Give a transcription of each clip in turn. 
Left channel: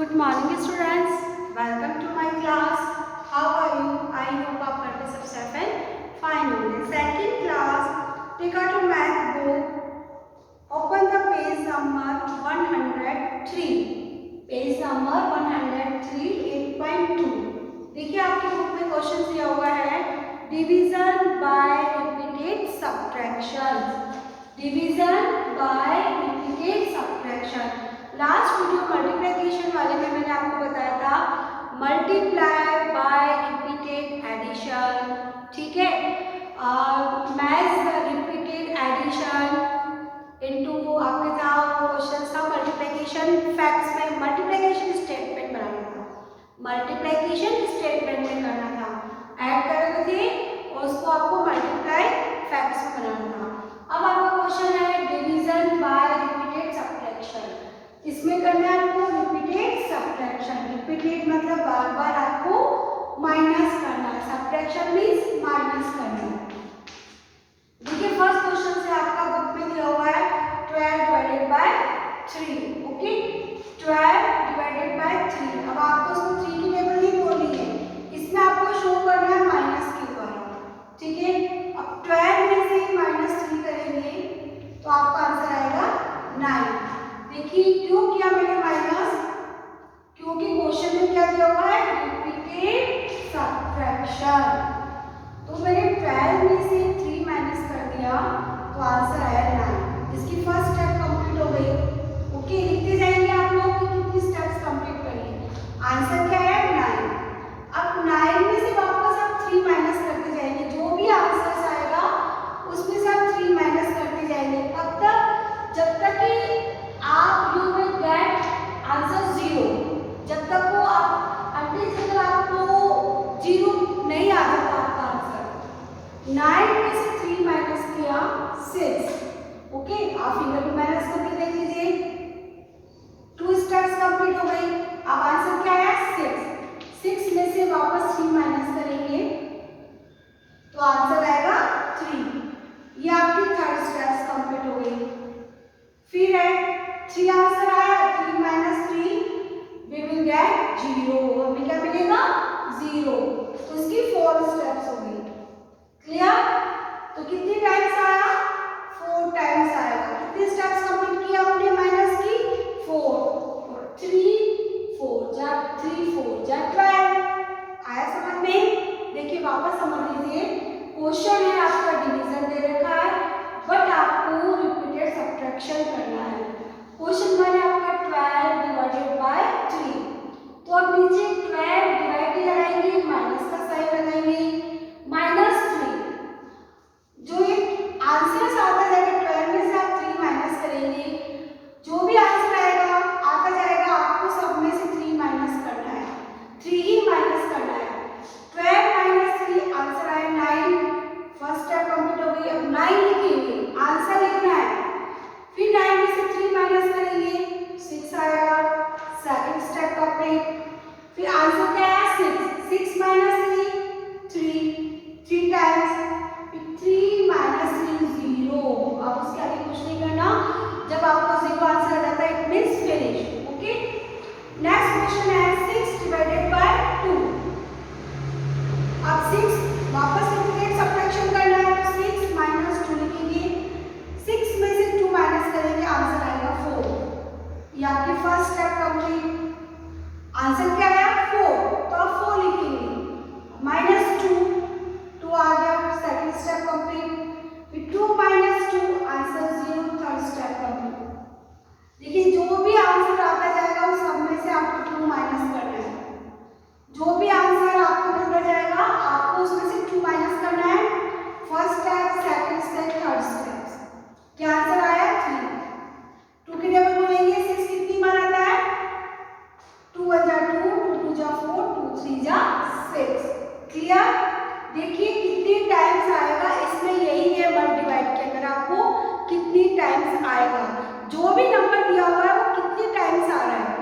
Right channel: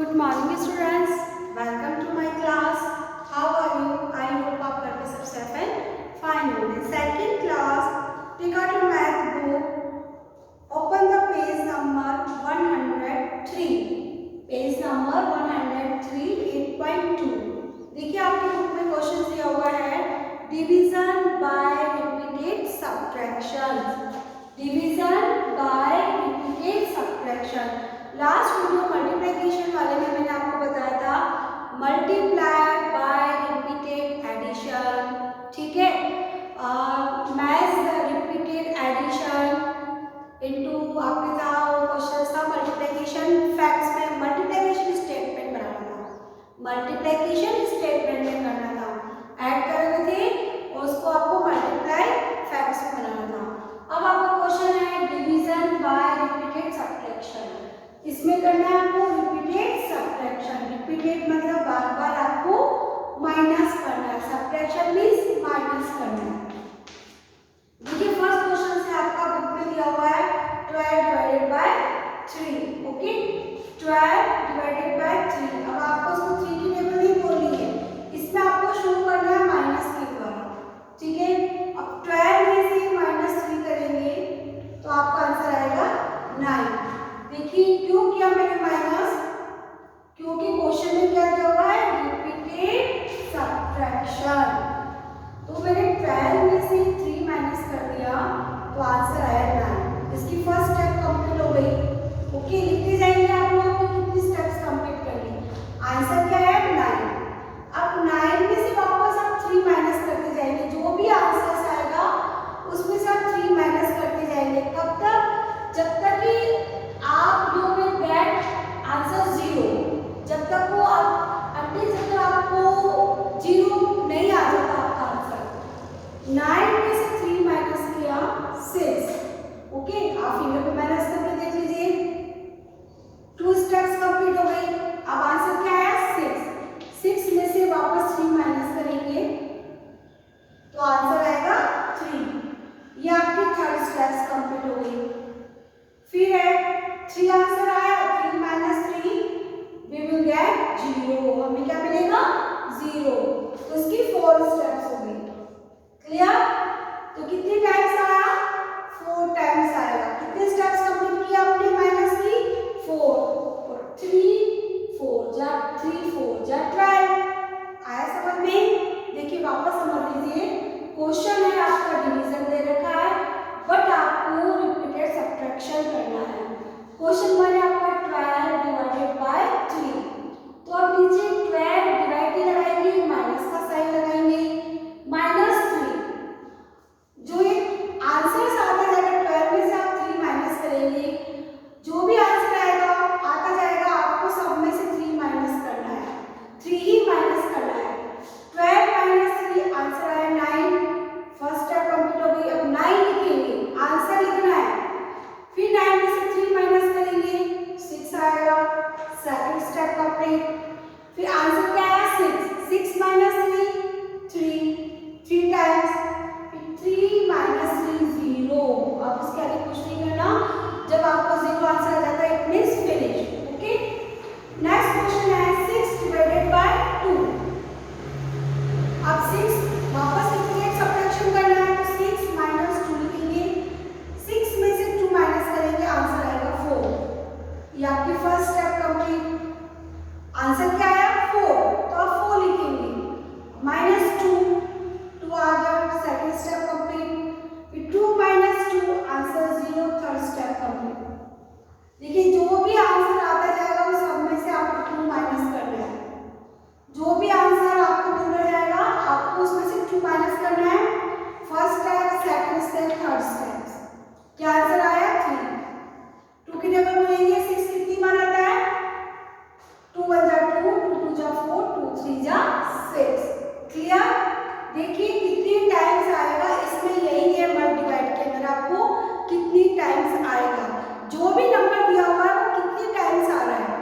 Good morning students, welcome to my class. How are you? I hope आप घर पे सब safe and fine होंगे. Second class, take out your math book. Open the page number 103. Page number 103, 8.2. देखिए आपके book में question दिया हुआ है division by repeated subtraction. Division by repeated subtraction. Last video multiplication वाले में मैंने आपको बताया था मल्टीप्लाई बाय रिपीटेड एडिशन. ठीक है, मैथ रिपीटेड एडिशन इनटू आपके था क्वेश्चन था मल्टीप्लिकेशन फैक्ट्स में मल्टीप्लिकेशन स्टेटमेंट बनाना था. मल्टीप्लिकेशन स्टेटमेंट में करना था, ऐड कर रहे थे और उसको आपको मल्टीप्लाई फैक्ट्स में बनाना था. अब आपका क्वेश्चन है डिवीजन बाय रिपीटेड सब्ट्रैक्शन. इसमें करना है आपको रिपीटेड सब्ट्रैक्शन. रिपीटेड मतलब बार बार आपको माइनस करना है. सब्ट्रैक्शन मींस माइनस करना है. देखिए फर्स्ट क्वेश्चन से आपका बुक में दिया हुआ है 12 divided by 3. Okay, 12 divided by 3. अब आपको उसको 3 की टेबल नहीं बोलनी है, इसमें आपको शो करना है माइनस के द्वारा. ठीक है, अब 12 में से -3 करेंगे तो आपका आंसर आएगा 9. देखिए क्यों किया मैंने माइनस, क्योंकि क्वेश्चन में क्या दिया हुआ है रिपीटेड सब्ट्रैक्शन. तो मैंने 12 में से 3 माइनस कर दिया तो आंसर आया 9. इसकी फर्स्ट स्टेप कंप्लीट हो गई. ओके, लिखते जाइए आप लोग कि कितनी स्टेप्स कंप्लीट करिए. आंसर क्या है 9. अब 9 में से वापस आप 3 माइनस करते जाएंगे. जो भी आंसर आएगा उसमें से आप 3 माइनस करते जाएंगे. कब तक? जब तक कि आप यू विल गेट आंसर 0. जब तक वो आप अंटिल जब आपको 0 नहीं आ जाता आपका आंसर. 9 में से 3 माइनस किया 6. ओके, आप फिंगर पे माइनस करके देख लीजिए. 2 स्टेप्स कंप्लीट हो गई. अब आंसर क्या है 6. 6 में से वापस 3 माइनस करेंगे तो आंसर आएगा 3. ये आपकी थर्ड स्टेप्स कंप्लीट हो गई. फिर है 3 आंसर आया. 3 माइनस 3 वी विल गेट 0. हमें क्या मिलेगा 0. तो इसकी 4 स्टेप्स हो गई. क्लियर? तो कितनी टाइम्स आया 4 टाइम्स आया. कितने स्टेप्स कंप्लीट किया आपने माइनस की 4. 3 4 जा 3 4 जा 12. आया समझ में? देखिए वापस समझ लीजिए. क्वेश्चन है आपका डिवीजन दे रखा है बट आपको रिपीटेड सब्ट्रैक्शन करना है. क्वेश्चन 1 है आपका 12 डिवाइडेड बाय 3. तो अब नीचे 12 डिवाइड ही लगाएंगे, माइनस का साइन लगाएंगे, -3. जो ये आंसर आता जाएगा 12 में से आप 3 माइनस करेंगे. जो भी आंसर आएगा आता जाएगा आपको सब में से 3 माइनस करना है. 3 ही माइनस करना है. 12 माइनस 3 आंसर आया 9. फर्स्ट स्टेप कंप्लीट हो गई. अब 9 लिखेंगे, आंसर लिखना है. फिर 9 में से 3 माइनस करेंगे 6 आएगा. Second step complete. फिर आंसर क्या है 6. 6 माइनस 3 3 टाइम्स. फिर 3 माइनस 3 0. अब उसके आगे कुछ नहीं करना. जब आपको 0 आंसर आ जाता है it means finish. Okay, next question है 6 डिवाइडेड बाय 2. अब 6 वापस रिपीटेड सब्ट्रैक्शन करना है तो 6 माइनस 2 लिखेंगे. 6 में से 2 माइनस करेंगे, आंसर आएगा 4. ये आपकी फर्स्ट स्टेप कंप्लीट. आंसर क्या आया 4. तो आप 4 लिखेंगे. -2 आ गया. Second step complete. फिर 2 minus 2 answer 0. Third step complete. देखिए जो भी आंसर आता जाएगा वो सब में से आपको 2 माइनस करना है. जो भी आंसर आपको मिलता जाएगा आपको उसमें से 2 माइनस करना है. First step, second step, third step. क्या आंसर आया 3. 2 की टेबल बोलेंगे 6 कितनी बार आता है 2 1 जा 2 2 2 जा 4 2 3 जा 6. क्लियर? देखिए कितनी टाइम्स आएगा. इसमें यही है मल्टीप्लाई के अंदर आपको कितनी टाइम्स आएगा. जो भी नंबर दिया हुआ है वो कितनी टाइम्स आ रहा है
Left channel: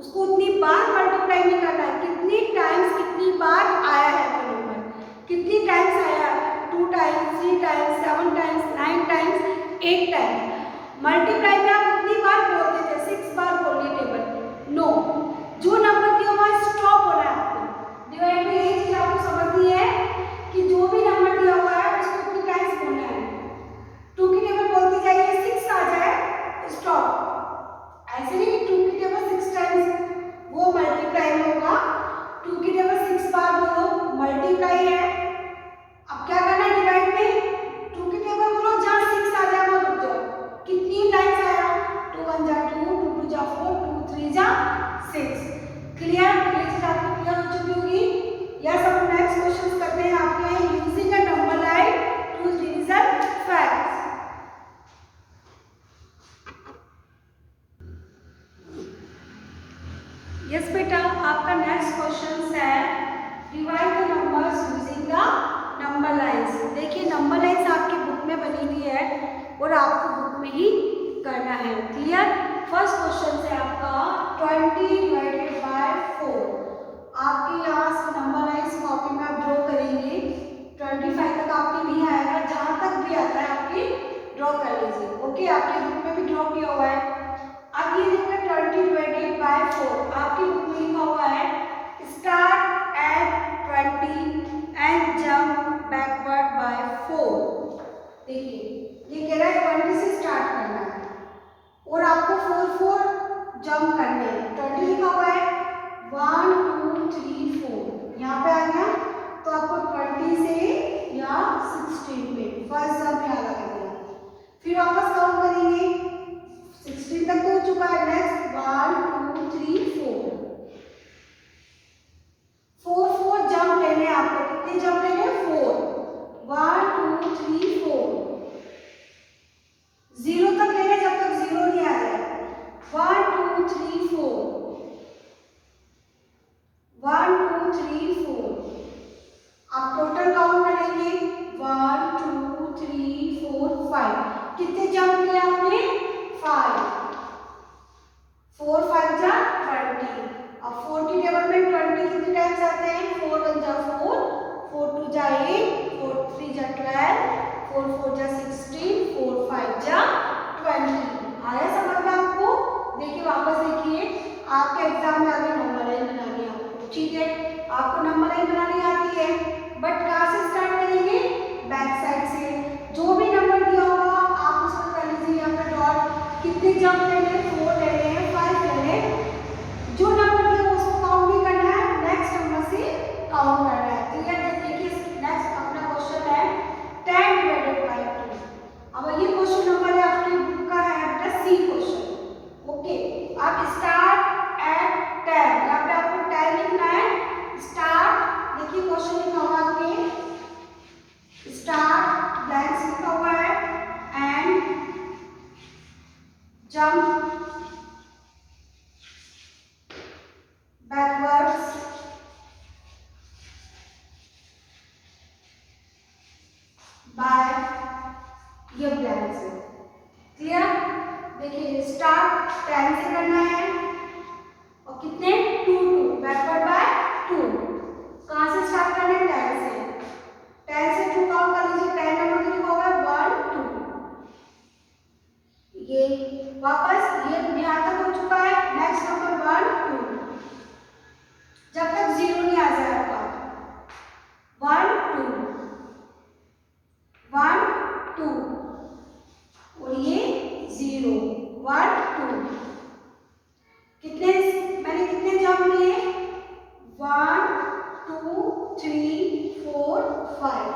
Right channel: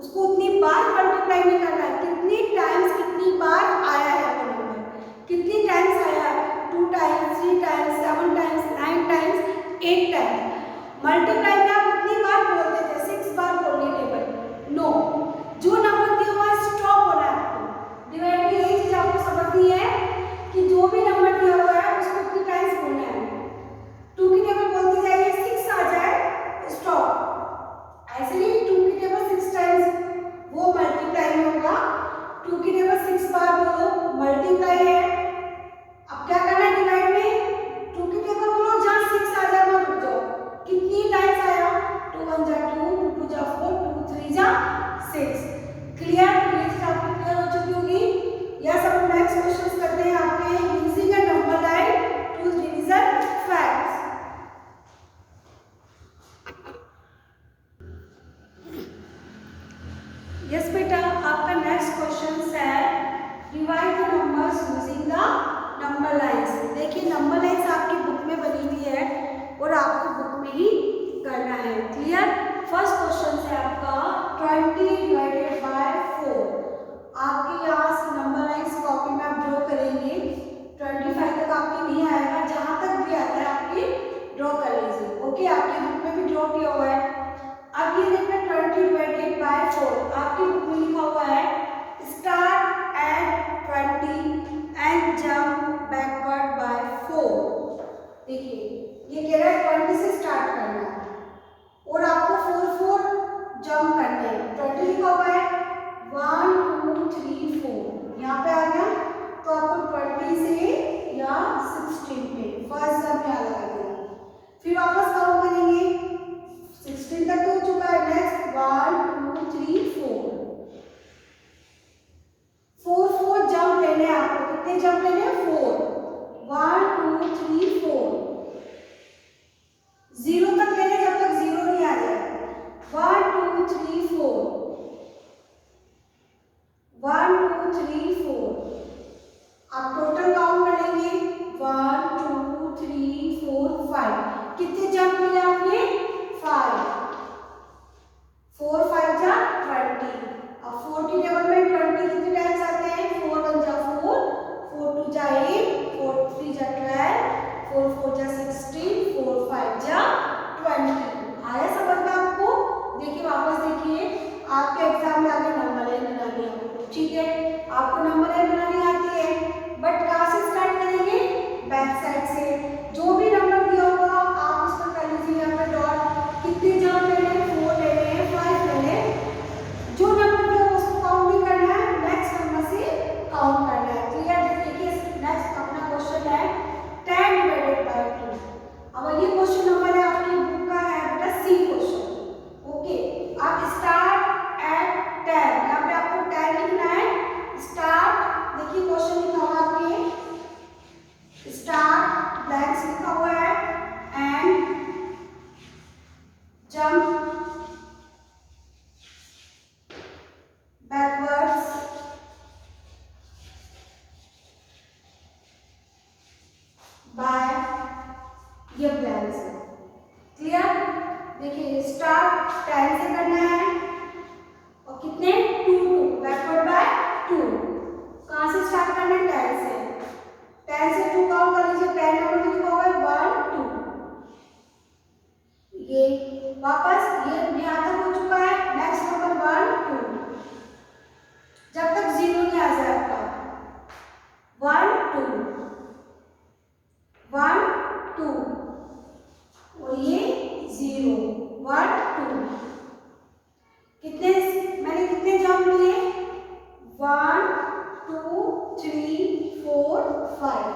उसको उतनी बार मल्टीप्लाई नहीं करना है. कितनी टाइम्स कितनी बार आया है वो नंबर, कितनी टाइम्स आया 2 times 3 times 7 times 9 times 8 times. Multiply में आप उतनी बार बोलते थे 6 बार बोलिए टेबल. नो, यस बेटा, आपका नेक्स्ट क्वेश्चन है divide the numbers using the number lines. देखिए नंबर लाइंस आपकी बुक में बनी हुई है और आपको बुक में ही करना है। क्लियर? फर्स्ट क्वेश्चन है आपका 20 डिवाइडेड बाय 4। आपके यहाँ नंबर लाइंस कॉपी में आप ड्रॉ करेंगे। 25 तक आपके नहीं आएगा, जहाँ तक भी आता है आपकी ड्रॉ कर लीजिए। ओके, आपकी बुक में भी ड्रॉ किया हुआ है। अब ये देखिए 20 डिवाइडेड बाय 4 आपकी बुक में लिखा हुआ है start at 20 and jump backward by 4। देखिए ये कह रहा है 20 से स्टार्ट करना है और आपको 4 जंप करने हैं। 20 लिखा हुआ है 1 2 3 4, यहाँ पे आ गया तो आपको 20 से या 16 पे फर्स्ट जंप यहाँ लगा देना। फिर वापस काउंट करेंगे, 16 तक तो हो चुका है। नेक्स्ट 1 2 3 4 जंप लेने हैं आपको। कितने जंप लेने हैं? 4। 1 2 3 4 0 तक लेने, जब तक 0 नहीं आ जाए। 1 2 3 4 1 2 3 4। आप टोटल काउंट करेंगे 1 2 3 4 5। कितने जंप लिए आपने? 5। 4 5 जा 20। अब 4 की टेबल में 20 कितने टाइम्स आते हैं? 4 1 जा 4, 4 2 जा 8, 4 3 जा 12, 4 4 जा 16, 4 5 जा 20। आया समझ में आपको? देखिए वापस देखिए, आपके एग्जाम में आगे नंबर लाइन बनानी है आपको। ठीक है, आपको नंबर लाइन बनानी आती है, बट कहाँ से स्टार्ट करेंगे? बैक साइड से। जो भी नंबर दिया होगा आप उस पर कर लीजिए यहाँ पे डॉट। कितने जंप लेने? 4 लेने हैं, 5 लेने। जो नंबर दिया होगा उसको काउंट नहीं करना है, नेक्स्ट नंबर से काउंट करना है। क्लियर? देखिए नेक्स्ट अपना क्वेश्चन है 10 डिवाइडेड बाय 2। अब ये क्वेश्चन नंबर है आपकी बुक का है बेटा सी क्वेश्चन। ओके, आप स्टार्ट एट 10, यहाँ पे आपको 10 लिखना है। स्टार्ट, देखिए क्वेश्चन लिखा हुआ आपके स्टार्ट ब्लैंक्स लिखा हुआ है एंड जंप बैकवर्ड्स बाय ये ब्लैंक्स है। क्लियर? देखिए स्टार्ट 10 से करना है और कितने? 2 बैकवर्ड बाय 2। कहाँ से स्टार्ट करना है? 10 से। 10 से 2 काउंट कर लीजिए। 10 नंबर तो लिखा हुआ है 1 2। ये वापस ये यहाँ तक हो चुका है। नेक्स्ट नंबर 1 2, जब तक 0 नहीं आ जाए आपका। 1 2 1 2 और ये 0 1 2। कितने मैंने कितने जंप लिए? 1 2 3 4 5।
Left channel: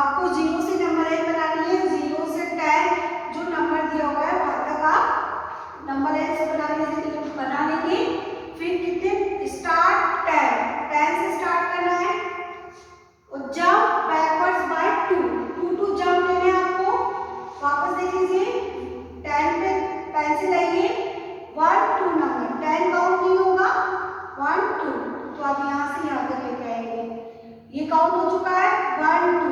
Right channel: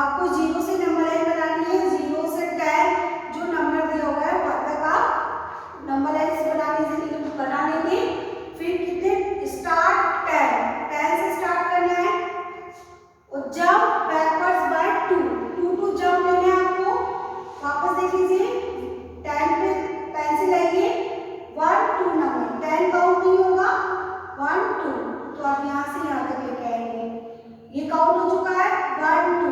आपको 0 से नंबर लाइन बनानी है। 0 से 10 जो नंबर दिया हुआ है वहां तक आप नंबर लाइन से बना लेंगे। फिर कितने? स्टार्ट 10 से स्टार्ट करना है और जंप बैकवर्ड्स बाय 2 2 जंप लेने हैं आपको। वापस देख लीजिए, 10 पे पेंसिल आइए, 1 2 नंबर 10 काउंट नहीं होगा। 1 2 तो आप यहाँ से यहाँ तक लेके आएंगे। ये काउंट हो चुका है 1 2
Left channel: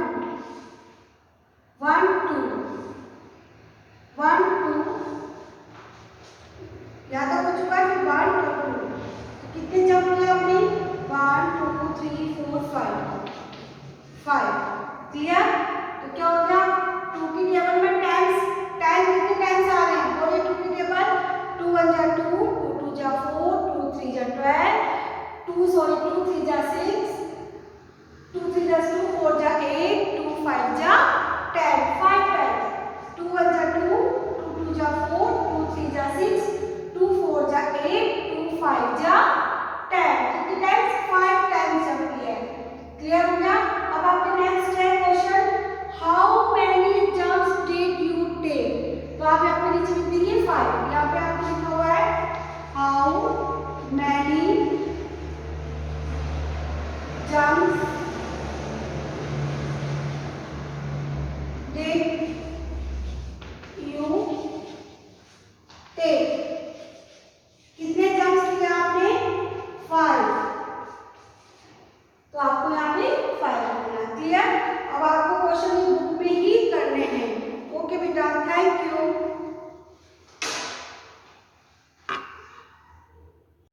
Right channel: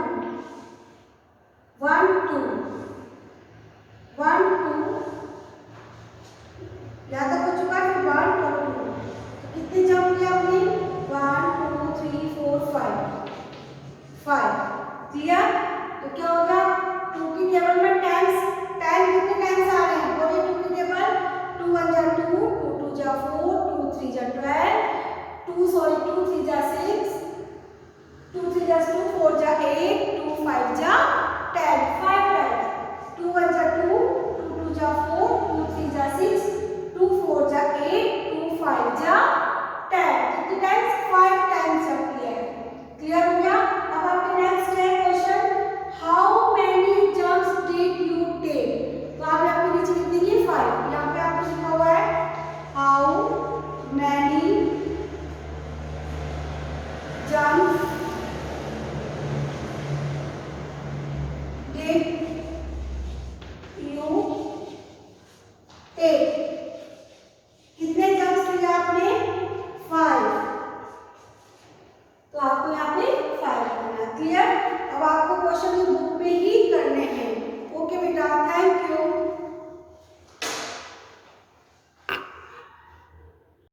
1 2 1 2, यहाँ तक हो चुका है। फिर 1 2 2, कितने जंप किया आपने? 1 2 3 4 5। क्लियर? तो क्या हो गया? 2 की टेबल में 10 कितने टाइम्स आ रहे हैं? बोलिए 2 की टेबल। 2 1 जा 2, 2 2 जा 4, 2 3 जा 12, 2 3 जा 6, 2 3 जा 2, 4 जा 8, 2 5 जा 10, 5 टाइम्स। 2 1 जा 2, 2 2 जा 4, 2 3 जा 6,